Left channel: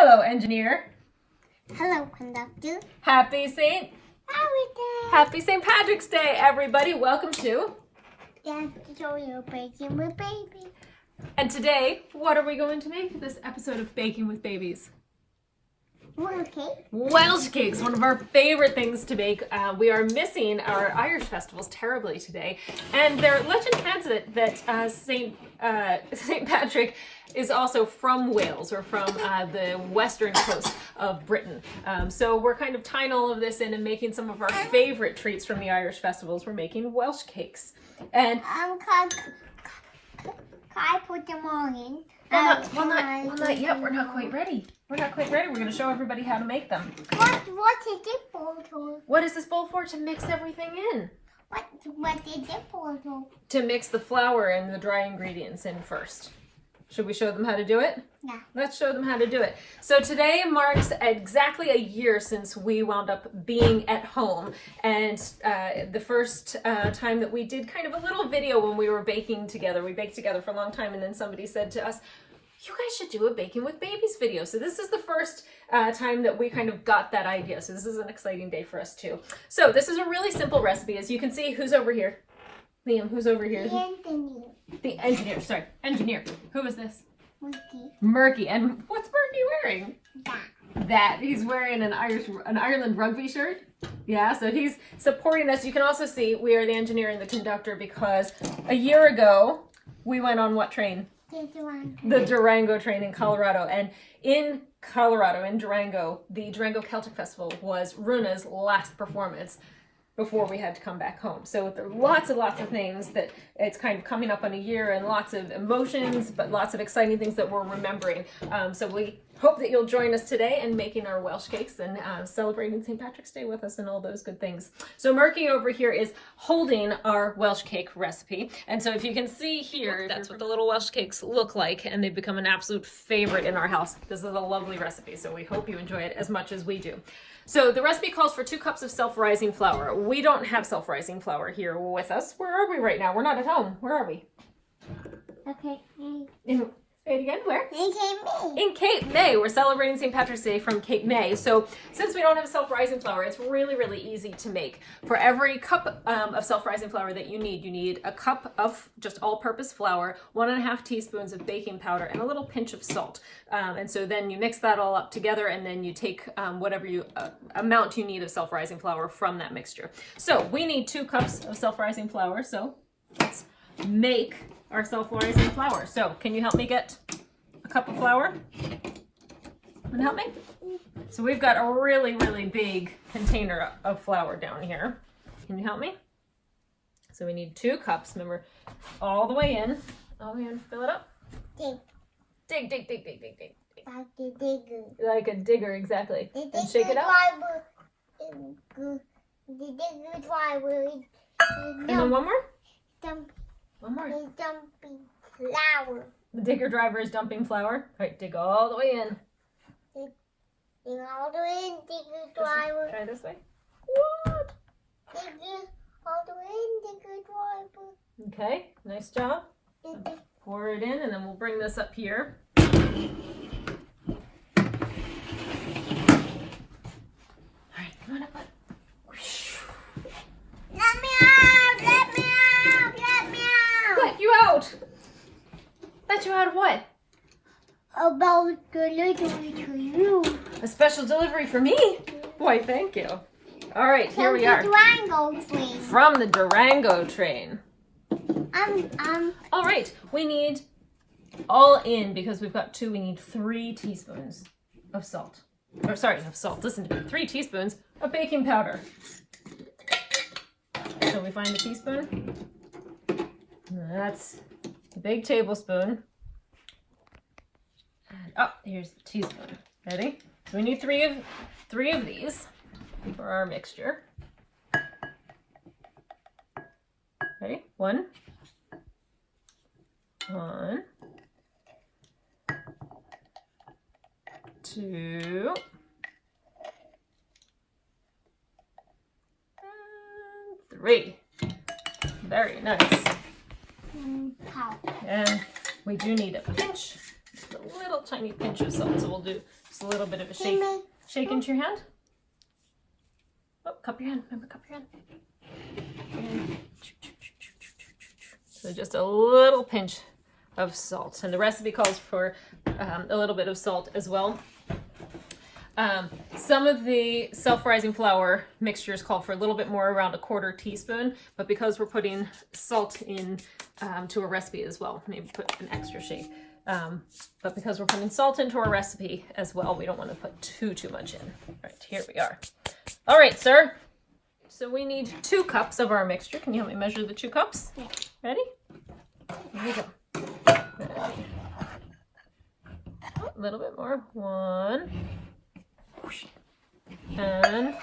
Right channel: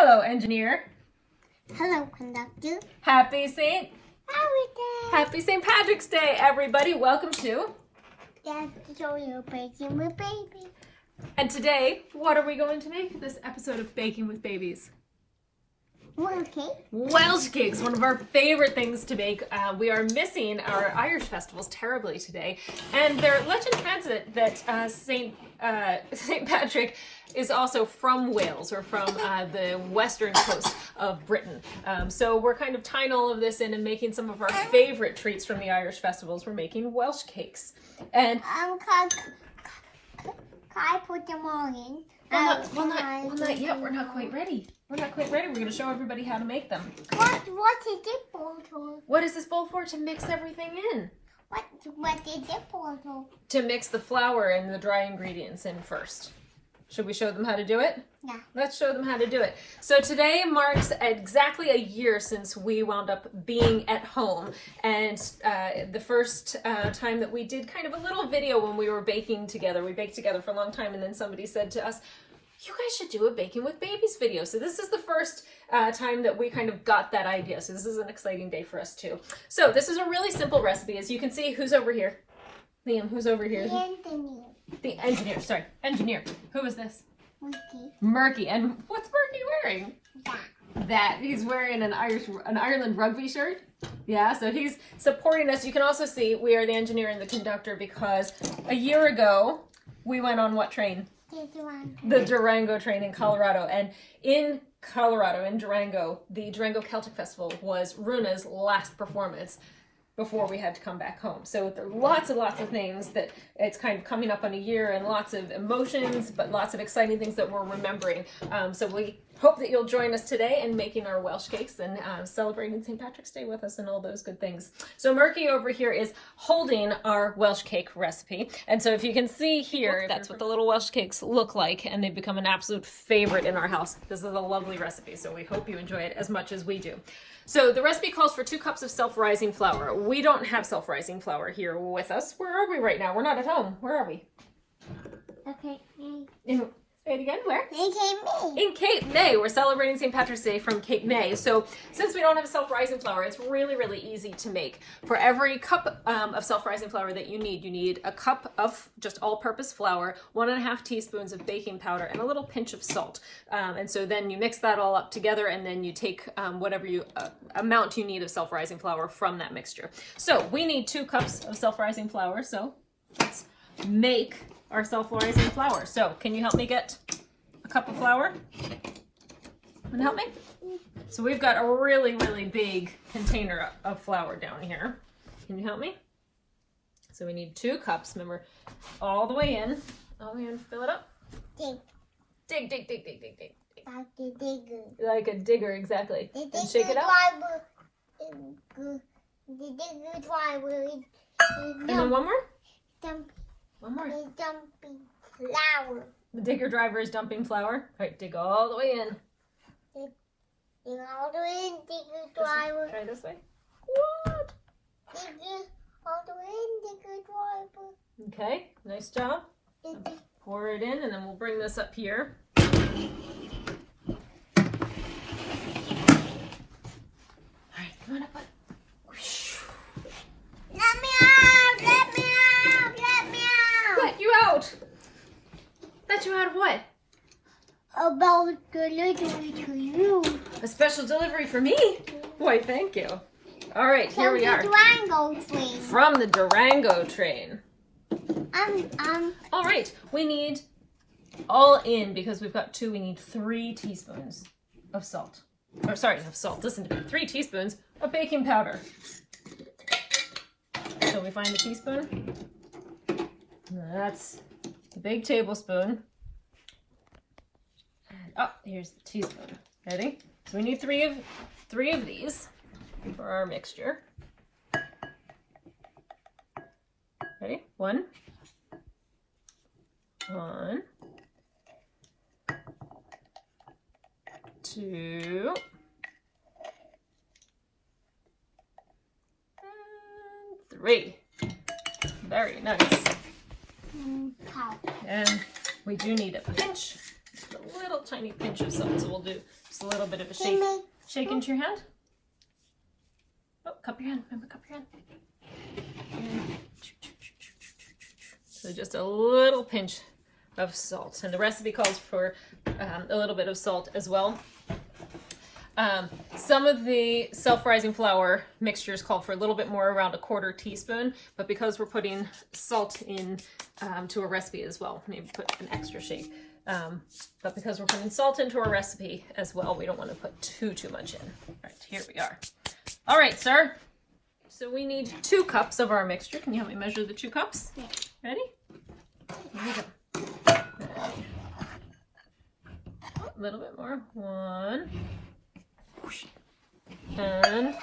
Hello, engineer. Hello, conductor. Happy St. Everything. Happy St. Patrick's Day, everybody. Welcome to. Dad, show you baking with baby. And today, what are we going to make this episode of Baking with Babies? Okay. Welsh cakes, one of our favorite things to make. We are missing our Irish festivals terribly today, and their legend has it that St. Patrick is also from Wales, or from the western coast of Britain. So we're kind of tying all of this in and making some of our favorite treats from the Irish festivals. We're making Welsh cakes. And can I put them all in? well, not yet. We're not quite ready. We're going to show everybody how to make them. What is this bowl for? What is this bowl for? To mix everything in. What is this bowl for? To mix the flour and the dry ingredients in first. Should we show them how to do it? Yeah. Let's show them how to do it. So today marks exactly a year since we wound up being at home. And the first time that we did kind of a little video when we were baking together. We baked together for a long time, and then somebody said to us, you guys should do a Baking with Babies video. So this is the first time that we kind of got that idea. So this is an exciting day for us too. So this is a really simple recipe. As you can see, who's over here? Liam, who's over here? The engineer, sorry. Engineer. Who is this? Murky. And what's Murky wearing? That. He's wearing an Ireland rugby shirt. Yeah, so he's supporting us. You can also see we are the engineer and the conductor because a year ago we went on what train? The Durango train in Colorado. And in Colorado, in Durango, the Durango Celtic Festival was Runa's last performance before we had to come back home. So there are lots and lots of things that it's kind of coming up on a year, and lots of emotions, but lots of exciting things that we're remembering. So we hope that you'll join us today in making our Welsh cakes and celebrating St. Patrick's Day with us and all those good things. So Murky over here is holding our Welsh cake recipe. And so if you can see here, that's what the little Welsh cakes look like, and they've become an absolute favorite in our house. This is a lovely recipe, so we hope you enjoy it as much as we do. So the recipe calls for 2 cups of self-rising flour. We don't have self-rising flour here with us. Where are we right now? We're not at home. Where are we? Okay. Say it again. Where? In Cape May. In Cape May. We're celebrating St. Patrick's Day from Cape May. So since we don't have self-rising flour, it's really, really easy to make. For every cup of self-rising flour that you need a cup of just all-purpose flour, 1.5 teaspoons of baking powder, and a little pinch of salt. And so then you mix that all up together, and then you take whatever amount you need of self-rising flour from that mixture. So we need 2 cups of self-rising flour. So let's make our self-rising flour. So can you help me get a cup of flour? Can you help me? So we've got a really, really big container of flour down here. Can you help me? So we need 2 cups. Remember, all the way in. All the way in. Fill it up. Dig. Dig, dig, dig, dig, dig, dig. Like a digger. Like a digger, exactly. And shake it out. The digger driver. And then one more? One more. Dumping flour. The digger driver is dumping flour. All right, dig all the way in. Dig all the way in, digger driver. Try this way. What? Digger all the way in, digger driver. Okay, nice job. Digger. Pour it in, and then we'll bring this up here. All right, come on up. Let me out! Let me out! Let me out! Let you out! Let you out of what? About delivery to you. A special delivery for me? Boy, thank you. All right, here we are. Durango train. From the Durango train. All right, we need all in, because we've got 2, we need 3 teaspoons of salt. Or sorry, of salt. Listen to me. 3 teaspoons of baking powder. So we find a teaspoon. That's a big tablespoon. And oh, here's the teaspoon. Ready? So we need 3 of these for our mixture. Ready? 1. 2. And 3. Very nice. And we do need a pinch, just a little tiny pinch of salt. So we'll do Just a little bit of a shake. Shake into your hand. Oh, cup your hand. Remember, cup your hand. So just a little pinch of salt. And the recipe calls for a little bit of salt as well. Some of the self-rising flour mixtures call for a little bit more, around a 1/4 teaspoon, but because we're putting salt in to a recipe as well, maybe put an extra shake. But because we're putting salt into our recipe as well, we don't want to put too much in. All right, here we are. All right, sir. So we need 2 cups of our mixture. Can you help me measure the 2 cups? Yeah. Ready? Here we go. A little bit more. 1. And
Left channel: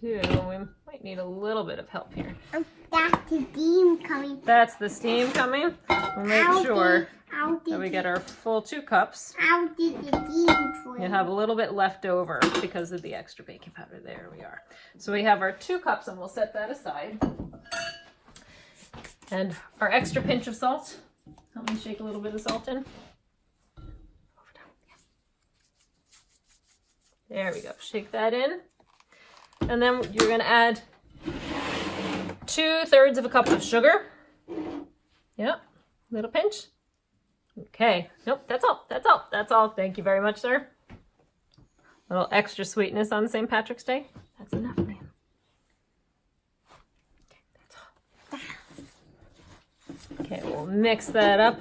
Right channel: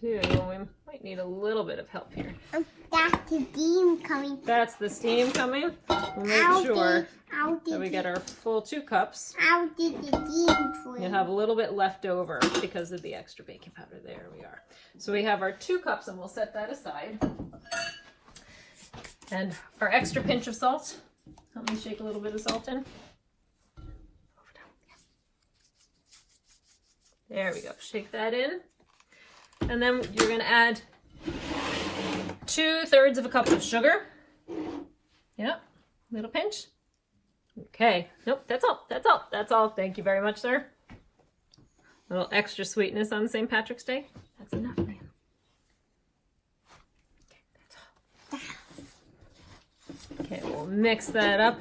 2. We might need a little bit of help here. That's the steam coming. That's the steam coming. We'll make sure that we get our full 2 cups. How did the steam for You have a little bit left over because of the extra baking powder. There we are. So we have our 2 cups, and we'll set that aside. And our extra pinch of salt. Help me shake a little bit of salt in. There we go. Shake that in. And then you're going to add 2/3 of a cup of sugar. Yep. Little pinch. Okay. Nope. That's all. That's all. That's all. Thank you very much, sir. A little extra sweetness on St. Patrick's Day. That's enough, man. Okay, that's all. Okay, we'll mix that up.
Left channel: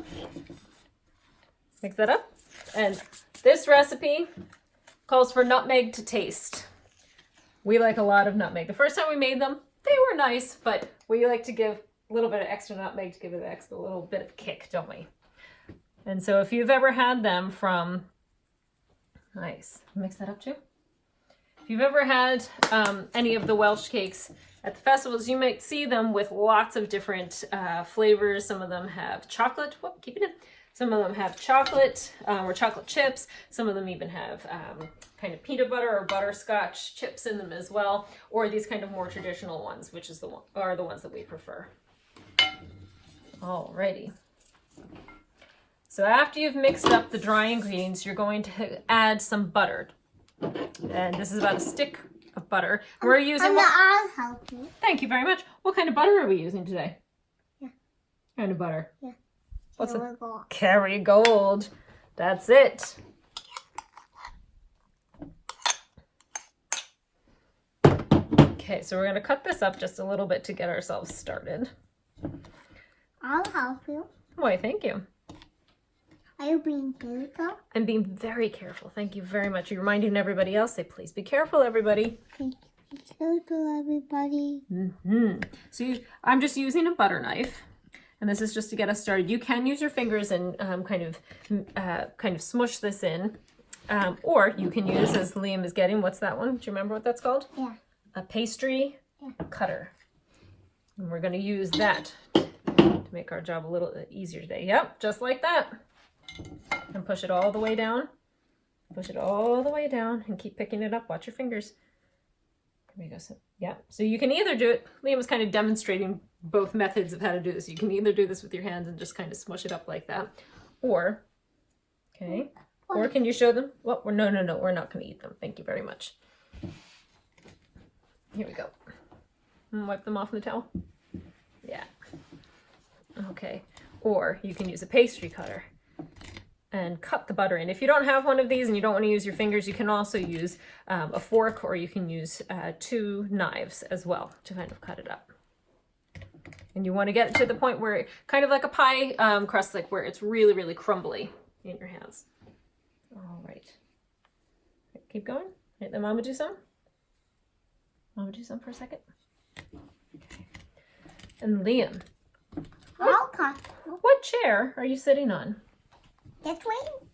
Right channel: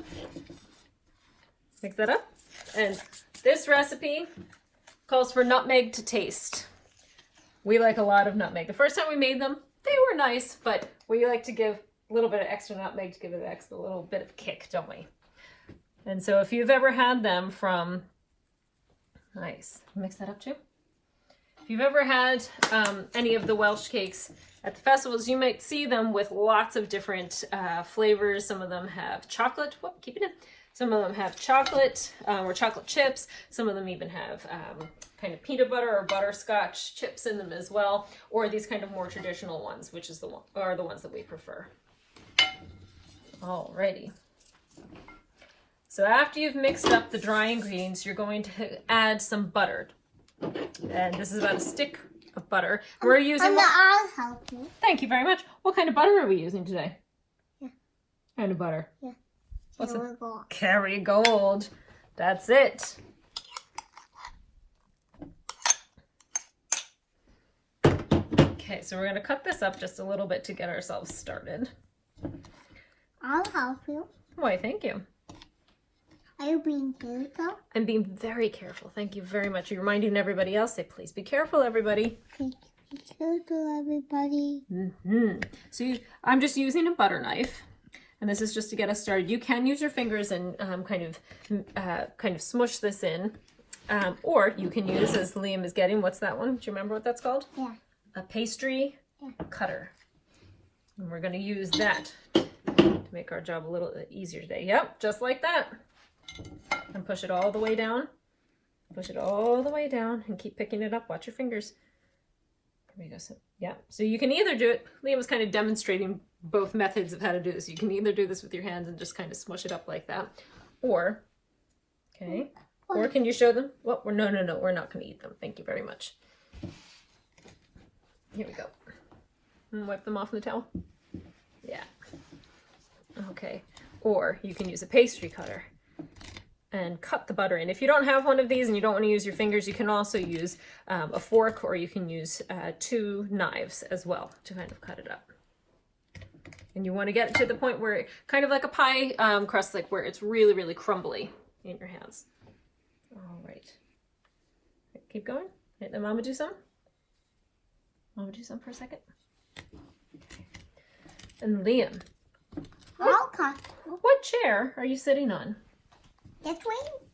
Mix that up. And this recipe calls for nutmeg to taste. We like a lot of nutmeg. The first time we made them, they were nice, but we like to give a little bit of extra nutmeg to give it a little bit of kick, don't we? And so if you've ever had them from, nice, mix that up too. If you've ever had any of the Welsh cakes at the festivals, you might see them with lots of different flavors. Some of them have chocolate. Whoop, keep it in. Some of them have chocolate or chocolate chips. Some of them even have kind of peanut butter or butterscotch chips in them as well, or these kind of more traditional ones, which is are the ones that we prefer. Alrighty. So after you've mixed up the dry ingredients, you're going to add some butter. And this is about a stick of butter. We're using. I'll help you. Thank you very much. What kind of butter are we using today? Yeah. Kind of butter. Yeah. What's it? Kerrygold. Kerrygold. That's it. Okay, so we're going to cut this up just a little bit to get ourselves started. I'll help you. Why, thank you. Are you being careful? I'm being very careful. Thank you very much. You're reminding everybody else, say, please be careful, everybody. Be careful, everybody. So I'm just using a butter knife, and this is just to get us started. You can use your fingers and kind of smush this in, or you can use, as Liam is getting, what's that one? Do you remember what that's called? Yeah. A pastry cutter. And we're going to use that to make our job a little easier today. Yep, just like that. And push it all the way down. Push it all the way down and keep picking it up. Watch your fingers. There we go. So, yeah. So you can either do it, Liam was kind of demonstrating both methods of how to do this. You can either do this with your hands and just kind of smush it up like that. Or, okay. Or can you show them? Well, no. We're not going to eat them. Thank you very much. Here we go. And wipe them off in the towel. Yeah. Okay. Or you can use a pastry cutter and cut the butter in. If you don't have one of these and you don't want to use your fingers, you can also use a fork, or you can use 2 knives as well to kind of cut it up. And you want to get it to the point where, kind of like a pie crust, like where it's really, really crumbly in your hands. All right. Keep going. Let the mama do some. Mama do some for a second. And Liam, Okay. what chair are you sitting on? That's Wayne.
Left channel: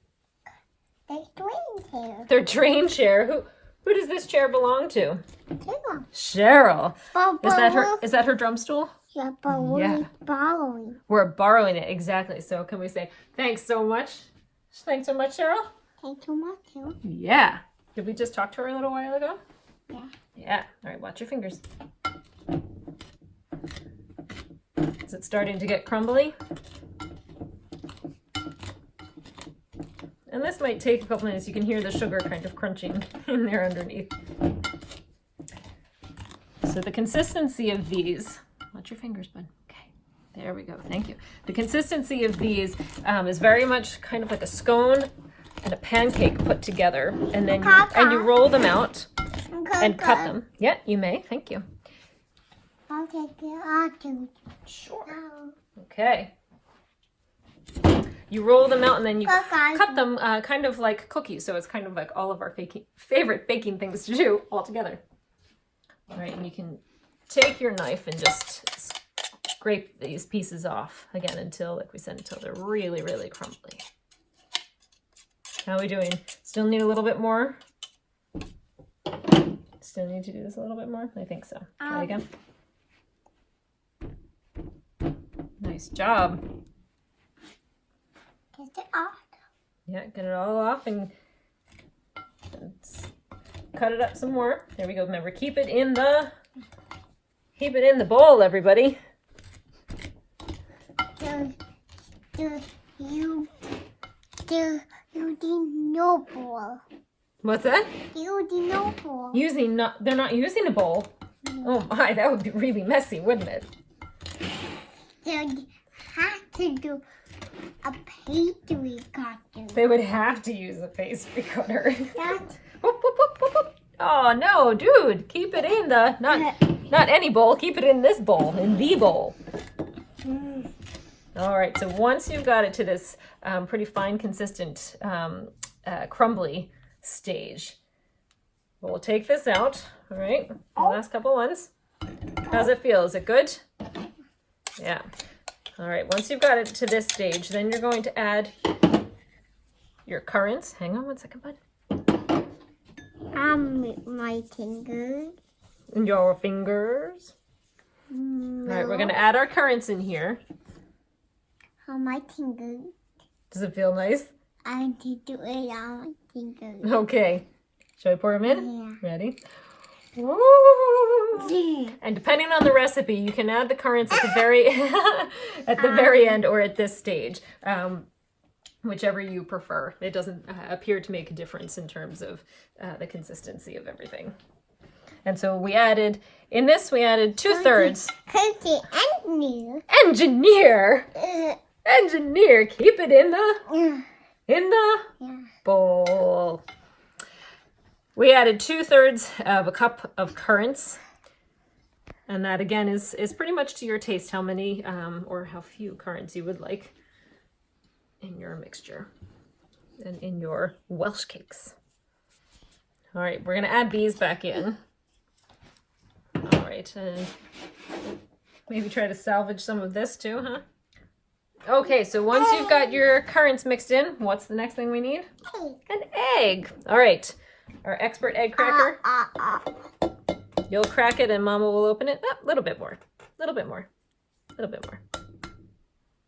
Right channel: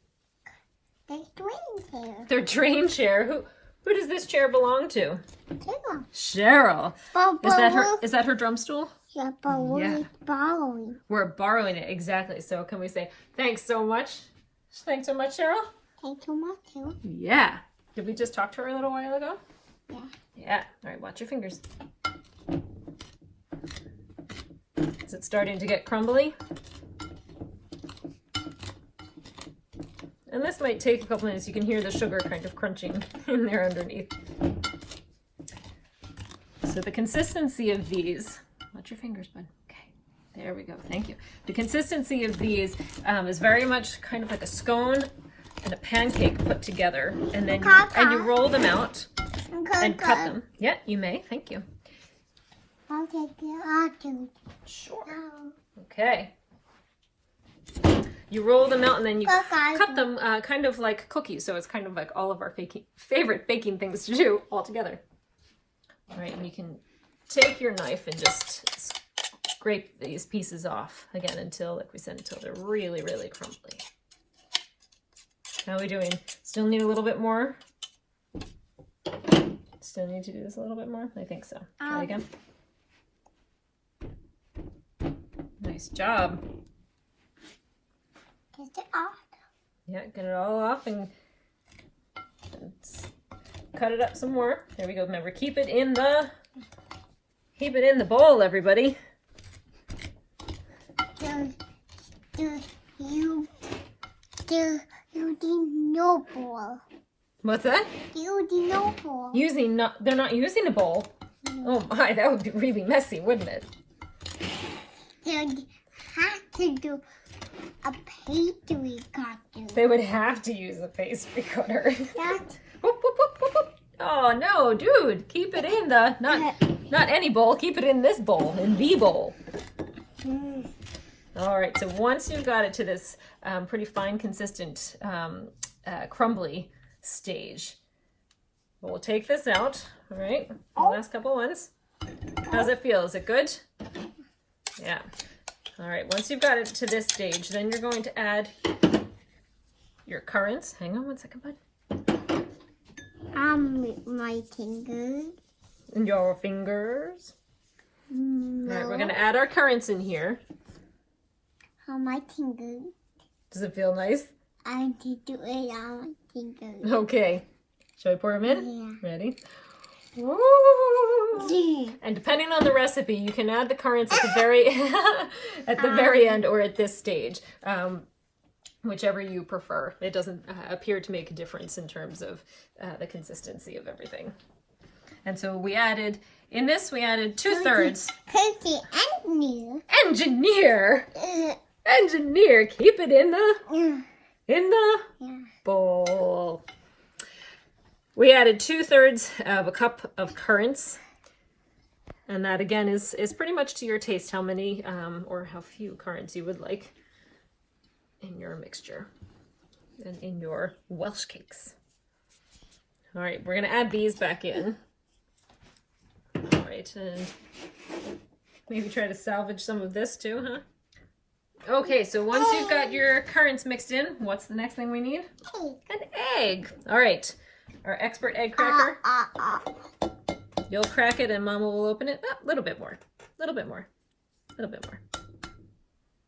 That's Wayne's hair. Their train chair. Who does this chair belong to? Cheryl. Cheryl. But Is that her drum stool? Yeah, but we're borrowing. We're borrowing it, exactly. So can we say thanks so much? Thanks so much, Cheryl. Thanks so much, Cheryl. Yeah. Did we just talk to her a little while ago? Yeah. Yeah. All right, watch your fingers. Is it starting to get crumbly? And this might take a couple minutes. You can hear the sugar kind of crunching in there underneath. So the consistency of these, watch your fingers, bud. Okay, there we go. Thank you. The consistency of these is very much kind of like a scone and a pancake put together, and then you roll them out and cut them. Yeah, you may. Thank you. I'll take it. Sure. Okay. You roll them out and then you cut them kind of like cookies. So it's kind of like all of our favorite baking things to do all together. All right, and you can take your knife and just scrape these pieces off again until, like we said, until they're really, really crumbly. How are we doing? Still need a little bit more? Still need to do this a little bit more? I think so. Try again. Nice job. Get it off. Yeah, get it all off and cut it up some more. There we go. Remember, keep it in the bowl, everybody. Using no bowl. What's that? Using no bowl. They're not using a bowl. Oh my, that would be really messy, wouldn't it? They have to do a pastry cutter. They would have to use a pastry cutter. That's Whoop, whoop, whoop, whoop, whoop. Oh no, dude! Keep it in the not any bowl. Keep it in this bowl, in the bowl. All right. So once you've got it to this pretty fine, consistent, crumbly stage, we'll take this out. All right. The last couple ones. How's it feel? Is it good? Yeah. All right. Once you've got it to this stage, then you're going to add your currants. Hang on one second, bud. my fingers. Your fingers. No. All right, we're going to add our currants in here. On my fingers. Does it feel nice? I need to do it on my fingers. Okay. Shall I pour them in? Yeah. Ready? Woo! And depending on the recipe, you can add the currants at the very very end or at this stage, whichever you prefer. It doesn't appear to make a difference in terms of the consistency of everything. And so we added 2/3. Cookie engineer. Engineer, keep it in the Yeah. bowl. We added 2/3 of a cup of currants. And that again is pretty much to your taste, how many or how few currants you would like in your mixture and in your Welsh cakes. All right, we're gonna add these back in. All right, and maybe try to salvage some of this too, huh? Okay, so once you've got your currants mixed in, what's the next thing we need? An egg. All right, our expert egg cracker. You'll crack it and Mama will open it. A little bit more.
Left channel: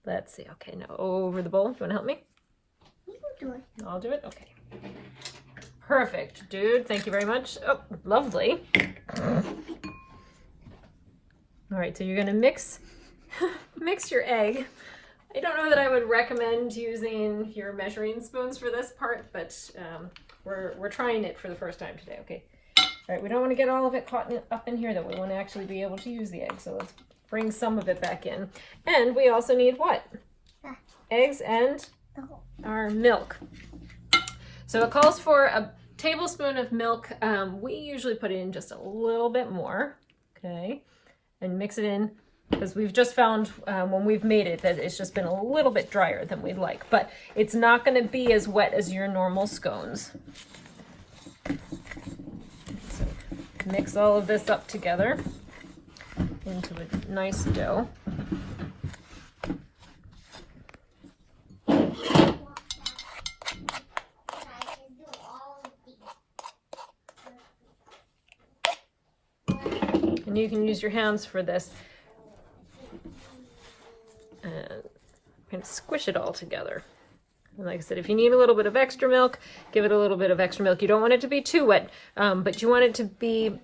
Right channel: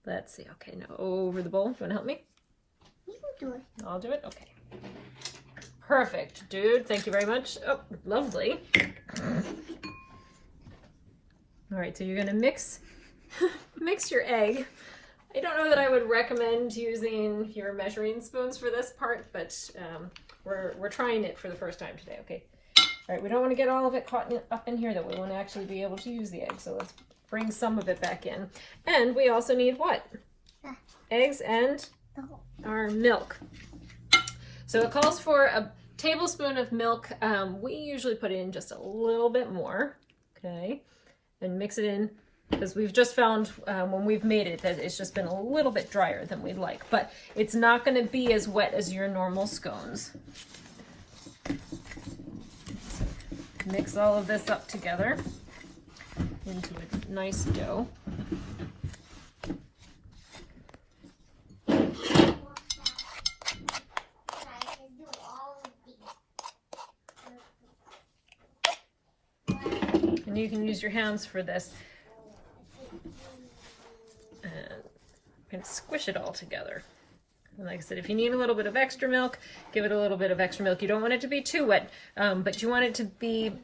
Let's see. Okay, now over the bowl. Do you want to help me? You do it. I'll do it? Okay. Perfect, dude. Thank you very much. Oh, lovely. All right, so you're going to mix your egg. I don't know that I would recommend using your measuring spoons for this part, but we're trying it for the first time today, okay? All right, we don't want to get all of it caught up in here, though. We want to actually be able to use the egg, so let's bring some of it back in. And we also need what? Eggs and our milk. So it calls for a tablespoon of milk. We usually put in just a little bit more, okay? And mix it in, because we've just found when we've made it that it's just been a little bit drier than we'd like, but it's not going to be as wet as your normal scones. So mix all of this up together into a nice dough. And you can use your hands for this and squish it all together. And like I said, if you need a little bit of extra milk, give it a little bit of extra milk. You don't want it to be too wet, but you want it to be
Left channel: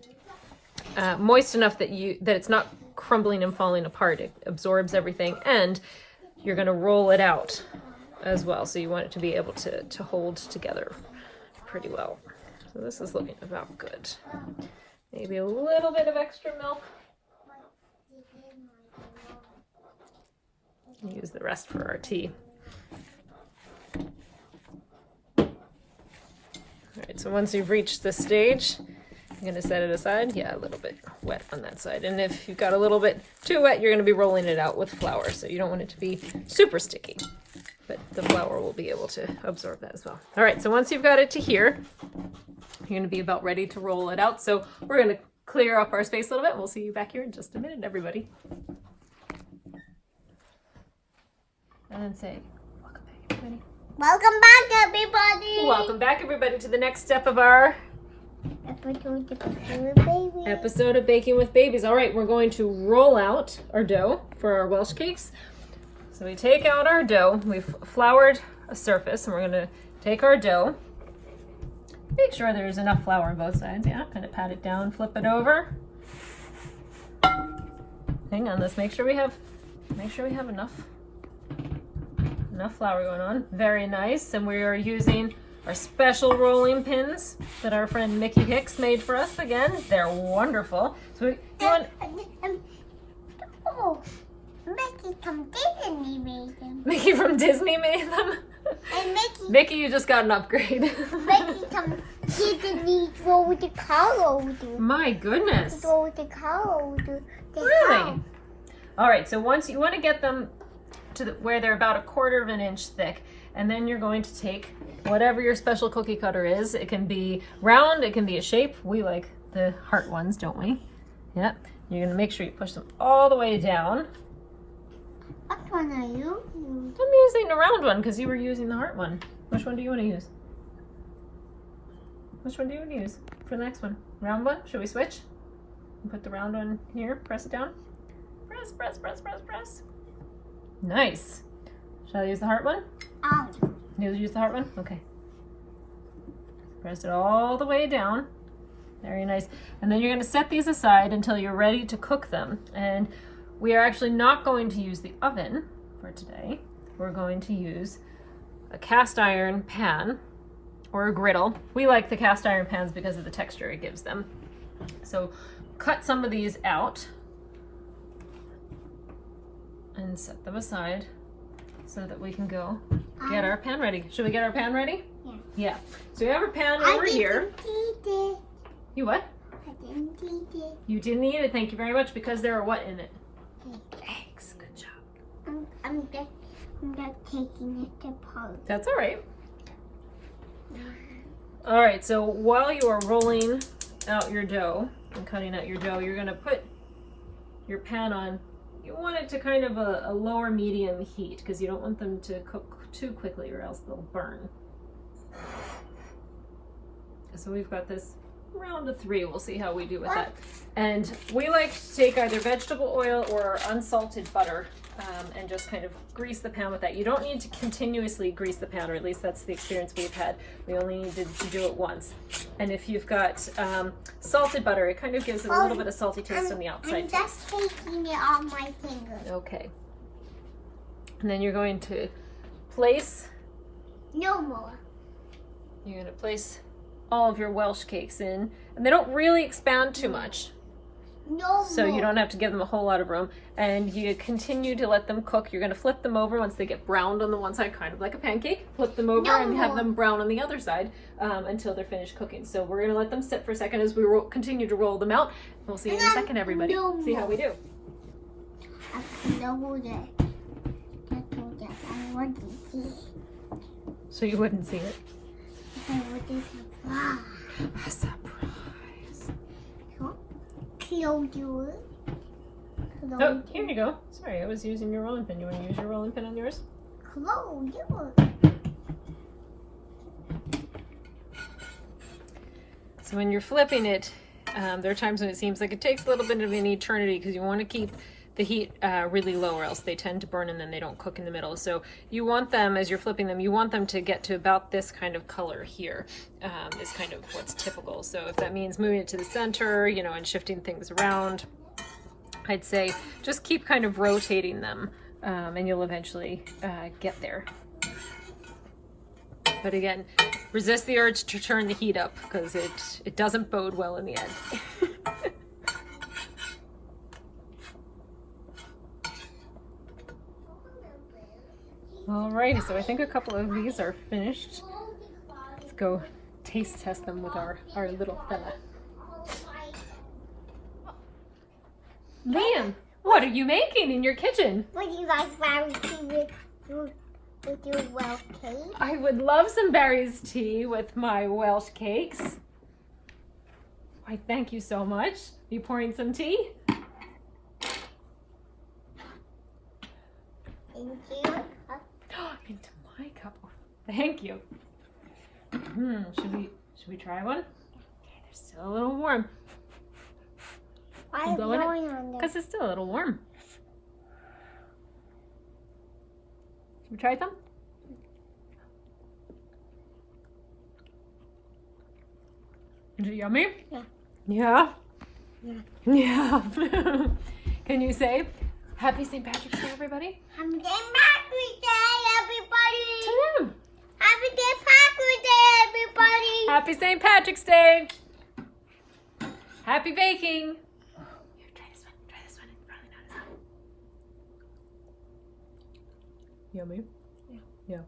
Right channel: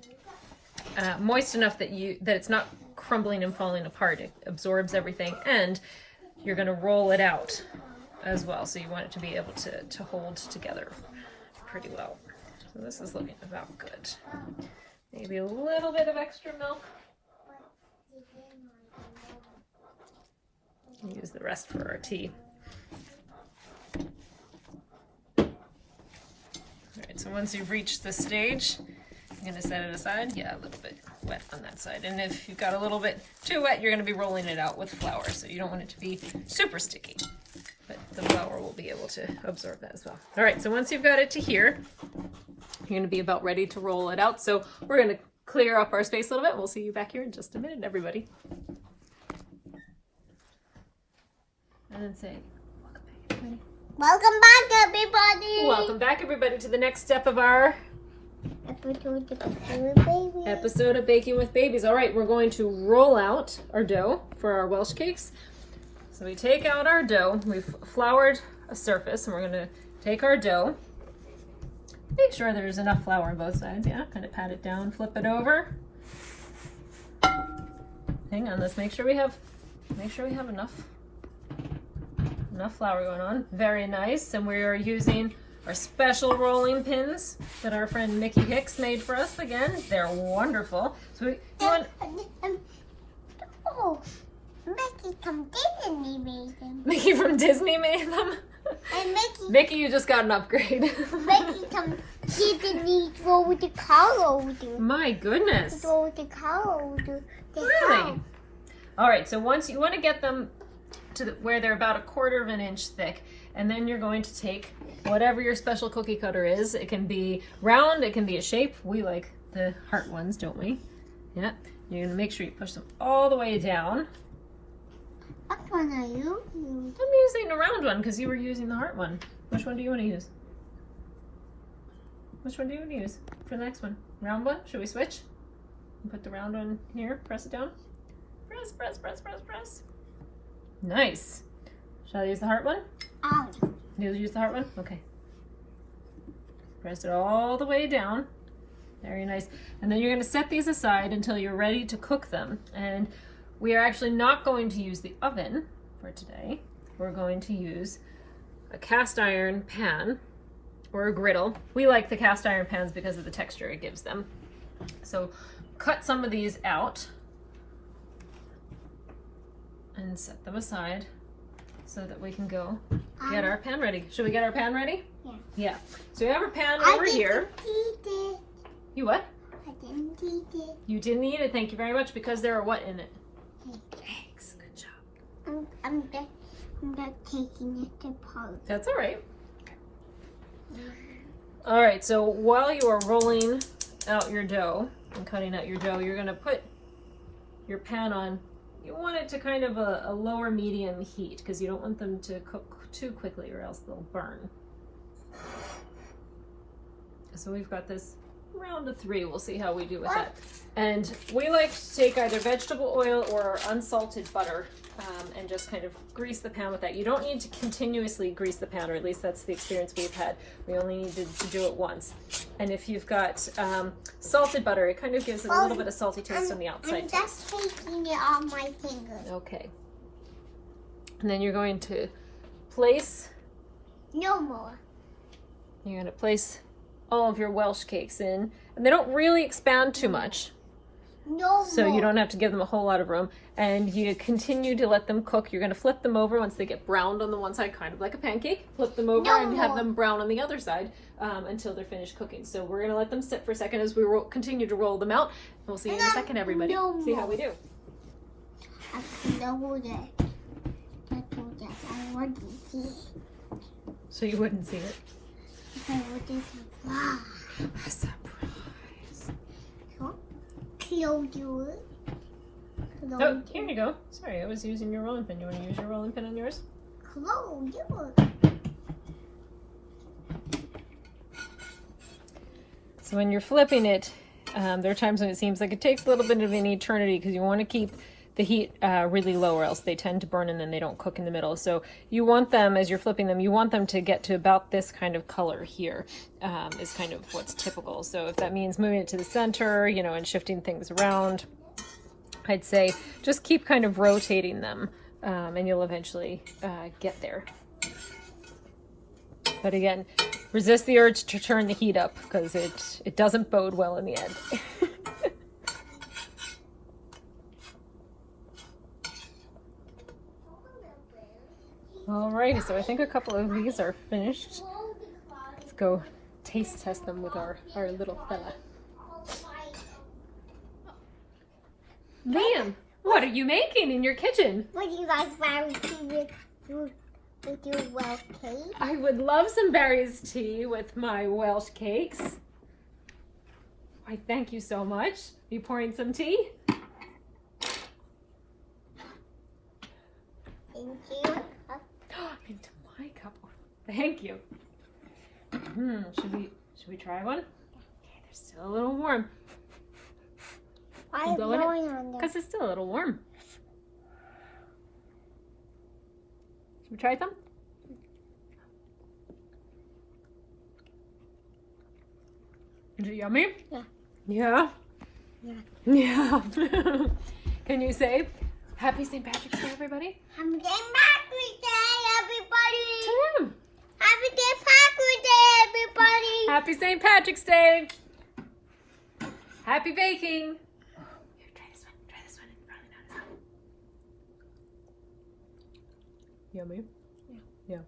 moist enough that it's not crumbling and falling apart. It absorbs everything, and you're going to roll it out as well. So you want it to be able to hold together pretty well. So this is looking about good. Maybe a little bit of extra milk. Use the rest for our tea. All right, so once you've reached this stage, I'm gonna set it aside. Yeah, a little bit wet on that side. And if you've got a little bit too wet, you're gonna be rolling it out with flour. So you don't want it to be super sticky, but the flour will be able to absorb that as well. All right, so once you've got it to here, you're gonna be about ready to roll it out. So we're gonna clear up our space a little bit. We'll see you back here in just a minute, everybody. And then say, welcome back, everybody. Welcome back, everybody. Welcome back, everybody, to the next step of our episode of Baking with Babies. All right, we're going to roll out our dough for our Welsh cakes. So we take out our dough. We've floured a surface, and we're going to take our dough. Make sure there's enough flour on both sides. Yeah, kind of pat it down, flip it over. Hang on, let's make sure we have enough flour going on. Very nice. And we are using our special rolling pins that our friend Nikki Hicks made for us again. They're wonderful. So oh, Mickey from Disney made them. Mickey from Disney made them? And Mickey, you just got an upgrade. Mickey from Disney roll with the color. My goodness. Roll with the color. Really? All right, so once you want to get them to where they're about 1/4 of an inch thick, and then you're going to take whatever your special cookie cutter is. It can be round, it can be a shape. We like the heart ones, don't we? Yeah. You're going to make sure you push them all the way down. What one are you using? I'm using the round one because you were using the heart one. Which one do you want to use? Which one do you want to use for the next one? Round one? Should we switch? Put the round one here, press it down. Press, press, press, press, press. Nice. Shall I use the heart one? You use the heart one? Okay. Press it all the way down. Very nice. And then you're going to set these aside until you're ready to cook them. And we are actually not going to use the oven for today. We're going to use a cast iron pan or a griddle. We like the cast iron pans because of the texture it gives them. So cut some of these out and set them aside so that we can go get our pan ready. Should we get our pan ready? Yeah. Yeah. So we have our pan over here. You what? I didn't eat it. You didn't eat it. Thank you very much because there are what in it? Eggs. Good job. I'm not taking it apart. That's all right. All right. So while you are rolling out your dough and cutting out your dough, you're going to put your pan on. You want it to kind of a lower medium heat because you don't want them to cook too quickly or else they'll burn. So we've got this round of 3. We'll see how we do with that. And we like to take either vegetable oil or unsalted butter and just kind of grease the pan with that. You don't need to continuously grease the pan, or at least that's the experience we've had. We only needed to do it once. And if you've got salted butter, it kind of gives it a little bit of salty taste on the outside. I'm just taking it on my finger. Okay. And then you're going to place... No more. You're going to place all of your Welsh cakes in. And they don't really expand too much. No So more. you don't have to give them a whole lot of room. And you continue to let them cook. You're going to flip them over once they get browned on the one side, kind of like a pancake. Flip them over and have them brown on the other side until they're finished cooking. So we're going to let them sit for a second as we continue to roll them out. We'll see you in a second, everybody. See how we do. I know that. I wouldn't see it. So you wouldn't see it? I wouldn't surprise. A surprise. Close you. Oh, here you go. Sorry, I was using your rolling pin. You want to use your rolling pin on yours? Close you. So when you're flipping it, there are times when it seems like it takes a little bit of an eternity because you want to keep the heat really low or else they tend to burn and then they don't cook in the middle. So you want them, as you're flipping them, you want them to get to about this kind of color here is kind of what's typical. So if that means moving it to the center, you know, and shifting things around, I'd say just keep kind of rotating them and you'll eventually get there. But again, resist the urge to turn the heat up because it doesn't bode well in the end. Alrighty, so I think a couple of these are finished. Let's go taste test them with our little fella. Liam, what are you making in your kitchen? Would you like berry tea with your Welsh cake? I would love some berries tea with my Welsh cakes. Why, thank you so much. Are you pouring some tea? Thank you. Into my cup. Thank you. Should we try one? Okay, they're still a little warm. Why is Blow in it? blowing on them? Because it's still a little warm. Should we try some? Is it yummy? Yeah. Yeah? Yeah. Yeah. Can you say Happy St. Patrick's Day, everybody? Happy St. Patrick's Day, everybody! To them. Happy St. Patrick's Day, everybody! Happy St. Patrick's Day. Happy baking. Here, try this one. Try this one. Probably not as hot. Yummy? Yeah. Yeah.